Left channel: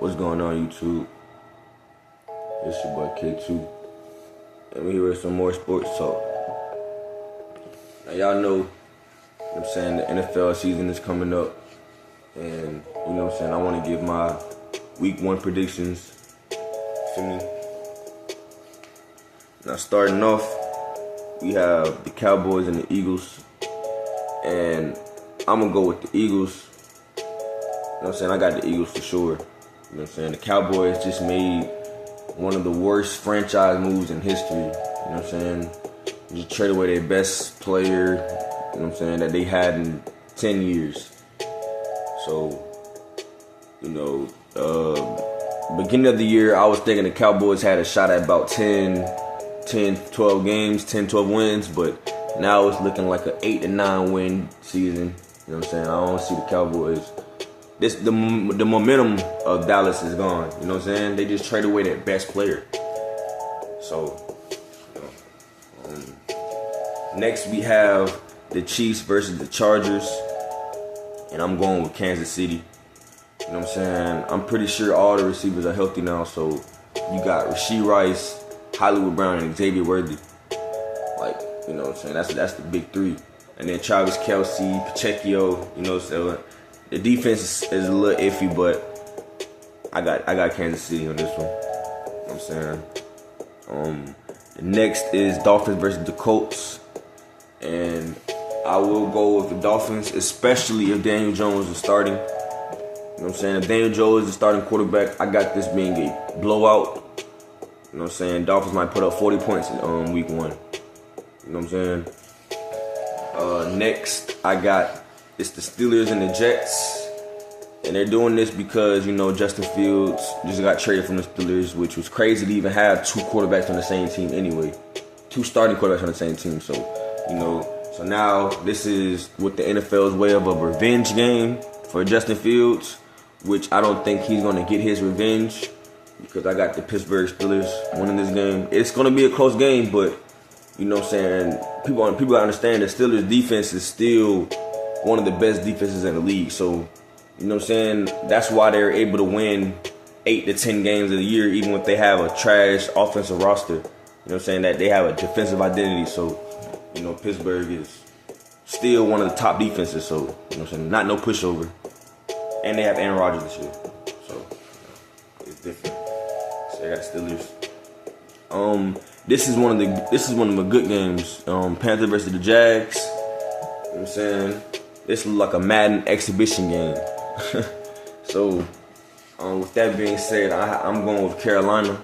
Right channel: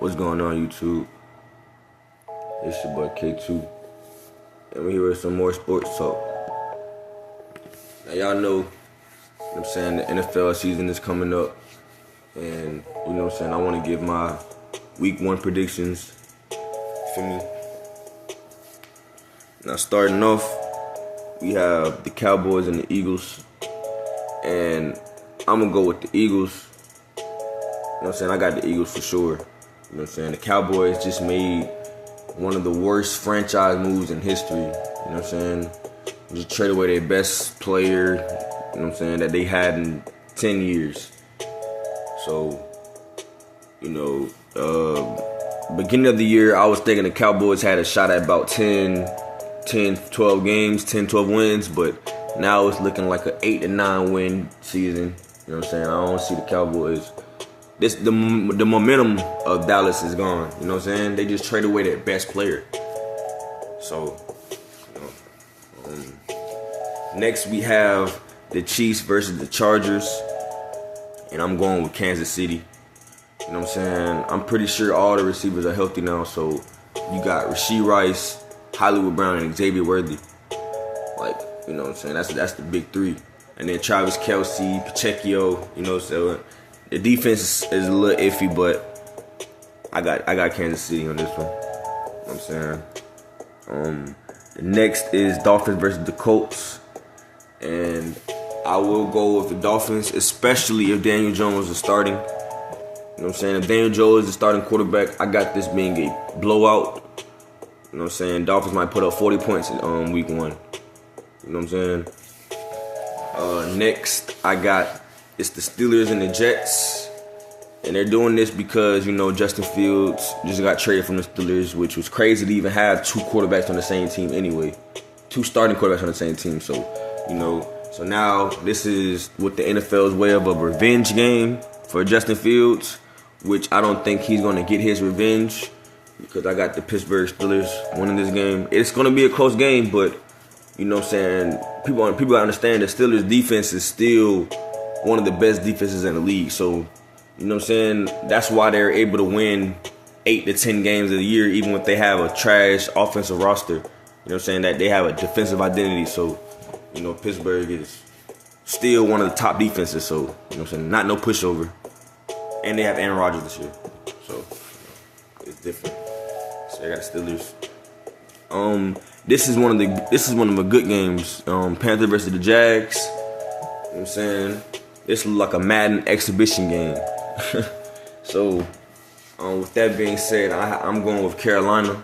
What's going on, YouTube? It's your boy K2, and we're here with some more sports talk. Now, y'all know, what I'm saying, the NFL season is coming up, and you know what I'm saying, I want to give my week 1 predictions. Feel me? Now, starting off, we have the Cowboys and the Eagles, and I'm going to go with the Eagles. You know what I'm saying? I got the Eagles for sure. You know what I'm saying? The Cowboys just made one of the worst franchise moves in history. You know what I'm saying? Just traded away their best player, you know what I'm saying, that they had in 10 years. So, beginning of the year, I was thinking the Cowboys had a shot at about 12 games, 10, 12 wins, but now it's looking like an 8 to 9 win season. You know what I'm saying? I don't see the Cowboys. The momentum of Dallas is gone. You know what I'm saying? They just traded away their best player. So, next we have the Chiefs versus the Chargers. And I'm going with Kansas City. You know what I'm saying? I'm pretty sure all the receivers are healthy now. So, you got Rashee Rice, Hollywood Brown, and Xavier Worthy. Like, you know what I'm saying? That's the big three. And then Travis Kelce, Pacheco, you know, so the defense is a little iffy, but I got Kansas City on this one. You know what I'm saying? The next is Dolphins versus the Colts. And I will go with the Dolphins, especially if Daniel Jones is starting. You know what I'm saying? If Daniel Jones is the starting quarterback, I got this being a blowout. You know what I'm saying? Dolphins might put up 40 points in week 1. You know what I'm saying? Next, it's the Steelers and the Jets. And they're doing this because, you know, Justin Fields just got traded from the Steelers, which was crazy to even have 2 quarterbacks on the same team anyway. 2 starting quarterbacks on the same team. So, so now this is with the NFL's way of a revenge game for Justin Fields, which I don't think he's going to get his revenge because I got the Pittsburgh Steelers winning this game. It's going to be a close game, but, you know what I'm saying, people gotta understand that Steelers defense is still one of the best defenses in the league. So, you know what I'm saying, that's why they're able to win 8 to 10 games of the year, even if they have a trash offensive roster. You know what I'm saying, that they have a defensive identity. So, you know, Pittsburgh is still one of the top defenses. So, you know what I'm saying, not no pushover. And they have Aaron Rodgers this year. So, it's different. So they got Steelers. This is one of the good games. Panthers versus the Jags. You know what I'm saying? This is like a Madden exhibition game. So, with that being said, I'm going with Carolina.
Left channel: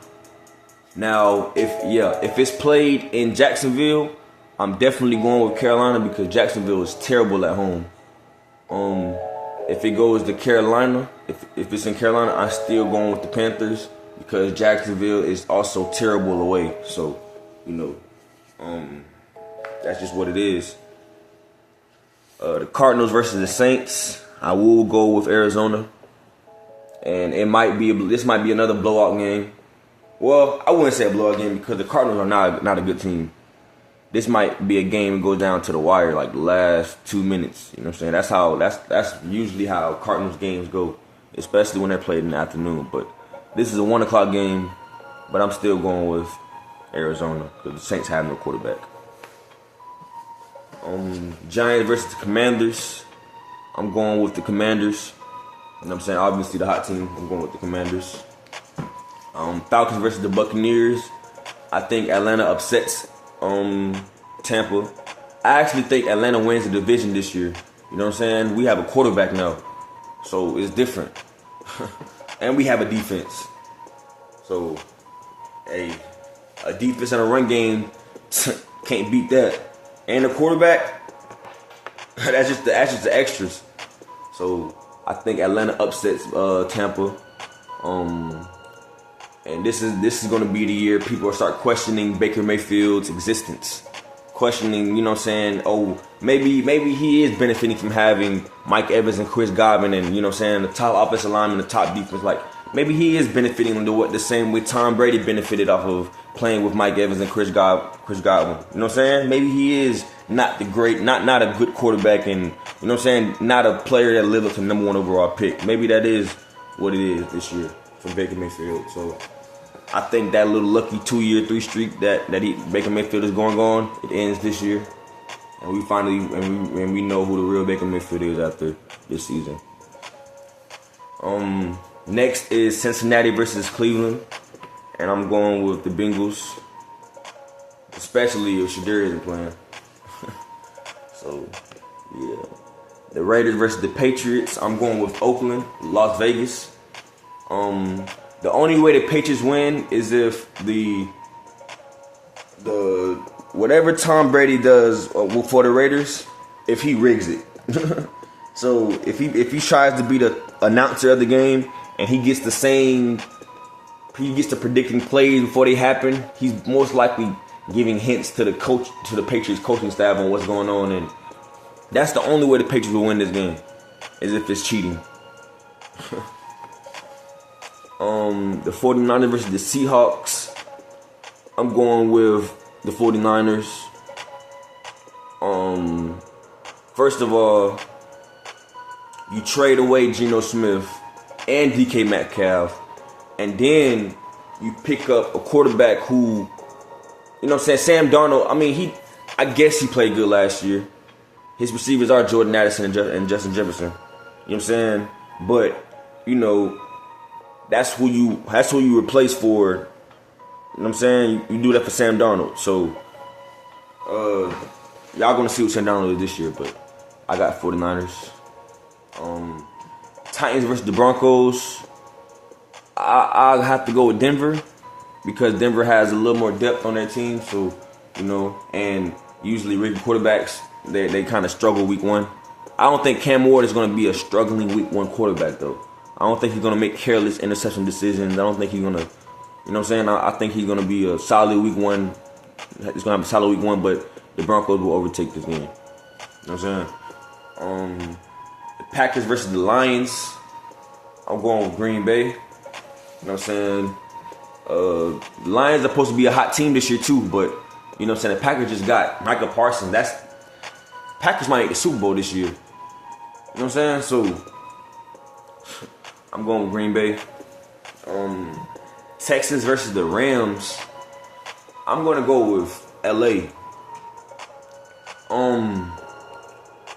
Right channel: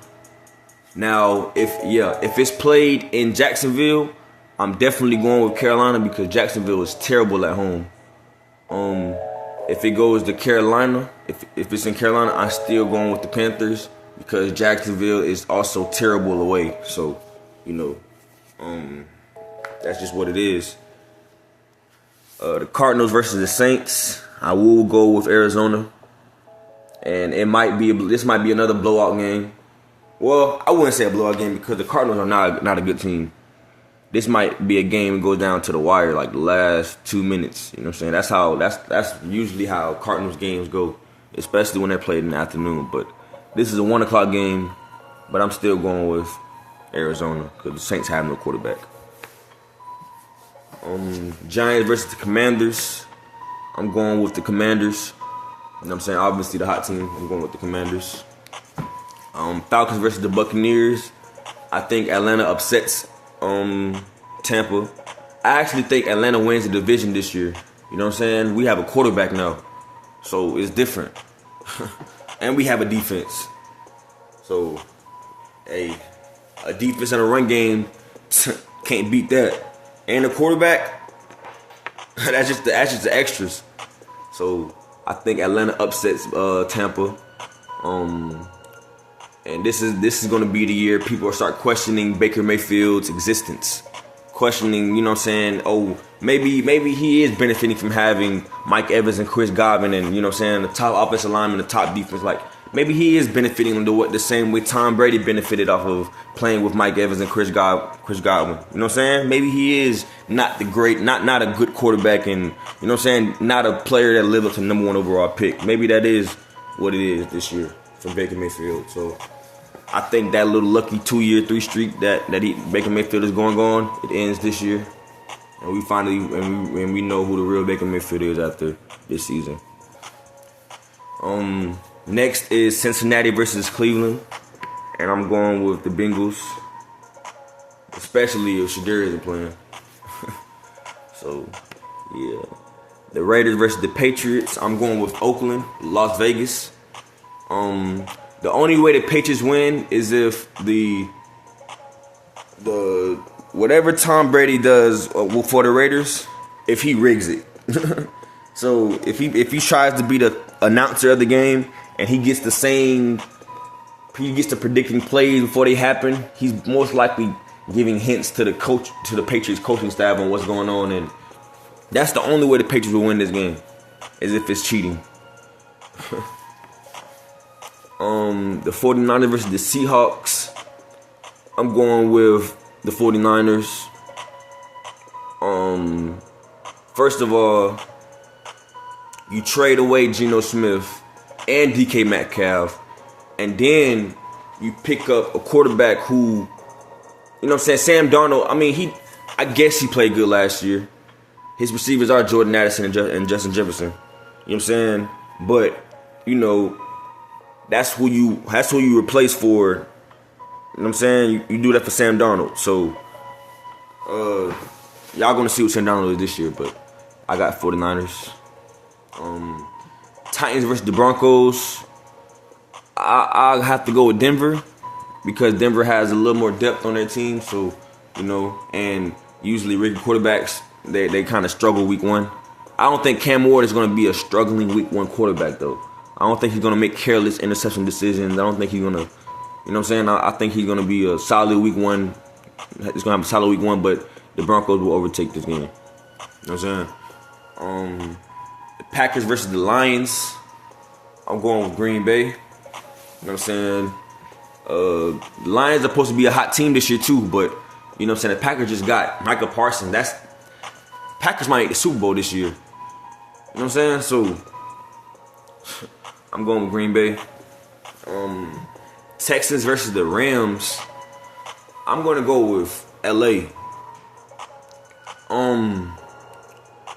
Now, if it's played in Jacksonville, I'm definitely going with Carolina because Jacksonville is terrible at home. If it goes to Carolina, if it's in Carolina, I'm still going with the Panthers because Jacksonville is also terrible away. So, you know, that's just what it is. The Cardinals versus the Saints, I will go with Arizona. And this might be another blowout game. Well, I wouldn't say a blowout game because the Cardinals are not a good team. This might be a game that goes down to the wire, like the last 2 minutes. You know what I'm saying? That's usually how Cardinals games go, especially when they're played in the afternoon. But this is a 1 o'clock game, but I'm still going with Arizona because the Saints have no quarterback. Giants versus the Commanders. I'm going with the Commanders. You know what I'm saying? Obviously the hot team. I'm going with the Commanders. Falcons versus the Buccaneers. I think Atlanta upsets Tampa. I actually think Atlanta wins the division this year. You know what I'm saying? We have a quarterback now, so it's different. And we have a defense. So, a defense and a run game can't beat that. And the quarterback, that's just the extras. So I think Atlanta upsets Tampa. And this is going to be the year people will start questioning Baker Mayfield's existence. Questioning, you know what I'm saying, oh, maybe he is benefiting from having Mike Evans and Chris Godwin and, you know what I'm saying, the top offensive lineman, the top defense. Like, maybe he is benefiting the same way Tom Brady benefited off of playing with Mike Evans and Chris Godwin. You know what I'm saying? Maybe he is not a good quarterback and, you know what I'm saying, not a player that lived up to number 1 overall pick. Maybe that is what it is this year. from Baker Mayfield. So I think that little lucky 2-year, 3 streak that Baker Mayfield is going on, it ends this year. And we finally, and we know who the real Baker Mayfield is after this season. Next is Cincinnati versus Cleveland. And I'm going with the Bengals. Especially if Shadir isn't playing. So, yeah. The Raiders versus the Patriots. I'm going with Oakland, Las Vegas. The only way the Patriots win is if the whatever Tom Brady does for the Raiders, if he rigs it. So if he tries to be the announcer of the game and he gets to predicting plays before they happen, he's most likely giving hints to the Patriots coaching staff on what's going on, and that's the only way the Patriots will win this game, is if it's cheating. The 49ers versus the Seahawks. I'm going with the 49ers. First of all, you trade away Geno Smith and DK Metcalf, and then you pick up a quarterback who, you know what I'm saying, Sam Darnold, I guess he played good last year. His receivers are Jordan Addison and Justin Jefferson. You know what I'm saying? But, that's who you replace for. You know what I'm saying? You do that for Sam Darnold. So, y'all gonna see what Sam Darnold is this year, but I got 49ers. Titans versus the Broncos. I'll have to go with Denver because Denver has a little more depth on their team. So, and usually rookie quarterbacks, they kind of struggle week 1. I don't think Cam Ward is going to be a struggling week 1 quarterback, though. I don't think he's going to make careless interception decisions. I don't think he's going to, you know what I'm saying? I think he's going to be a solid week 1. He's going to have a solid week 1, but the Broncos will overtake this game. You know what I'm saying? The Packers versus the Lions. I'm going with Green Bay. You know what I'm saying? The Lions are supposed to be a hot team this year, too, but, you know what I'm saying? The Packers just got Michael Parsons. Packers might make the Super Bowl this year. You know what I'm saying? So, I'm going with Green Bay. Texans versus the Rams. I'm going to go with LA.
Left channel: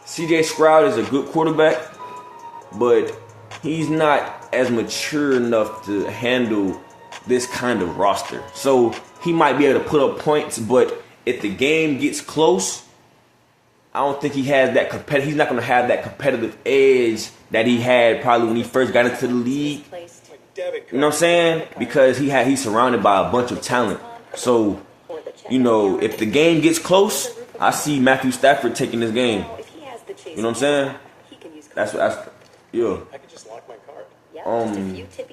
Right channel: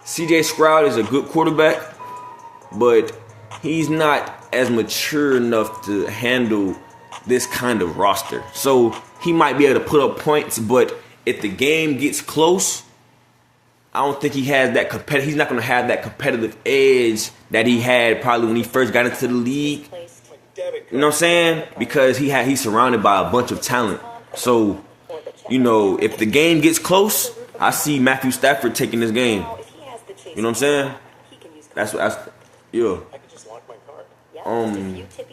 CJ Stroud is a good quarterback, but he's not as mature enough to handle this kind of roster. So he might be able to put up points, but if the game gets close, I don't think he has that he's not going to have that competitive edge that he had probably when he first got into the league. You know what I'm saying? Because he's surrounded by a bunch of talent. So, if the game gets close, I see Matthew Stafford taking this game. You know what I'm saying? That's yeah.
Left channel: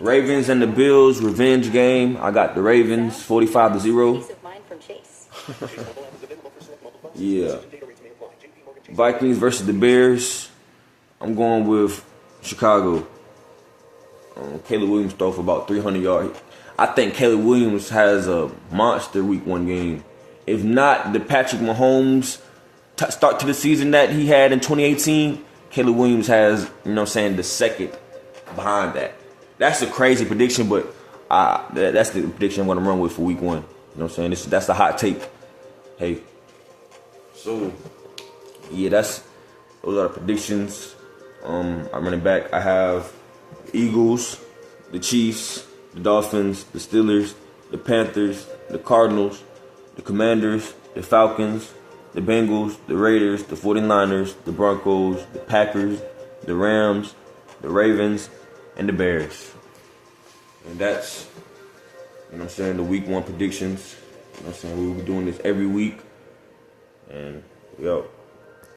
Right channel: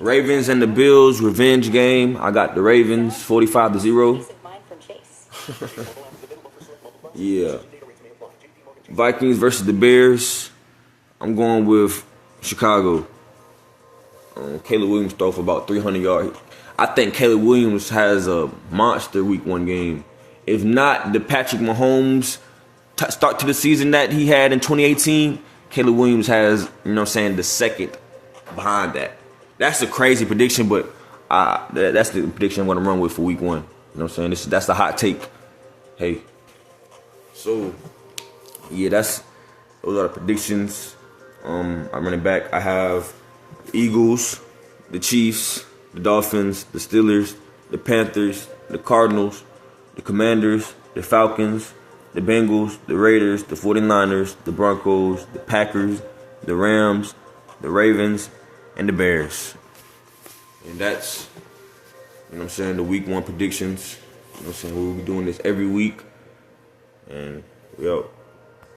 Ravens and the Bills revenge game. I got the Ravens 45-0. Yeah. Vikings versus the Bears. I'm going with Chicago. Caleb Williams throw for about 300 yards. I think Caleb Williams has a monster week 1 game. If not the Patrick Mahomes start to the season that he had in 2018, Caleb Williams has, the second behind that. That's a crazy prediction, but that's the prediction I'm going to run with for week 1. You know what I'm saying? That's the hot take. Hey. So, yeah, those are the predictions. I'm running back. I have the Eagles, the Chiefs, the Dolphins, the Steelers, the Panthers, the Cardinals, the Commanders, the Falcons, the Bengals, the Raiders, the 49ers, the Broncos, the Packers, the Rams, the Ravens, and the Bears. And that's, the week 1 predictions. You know what I'm saying? We'll be doing this every week. And we out.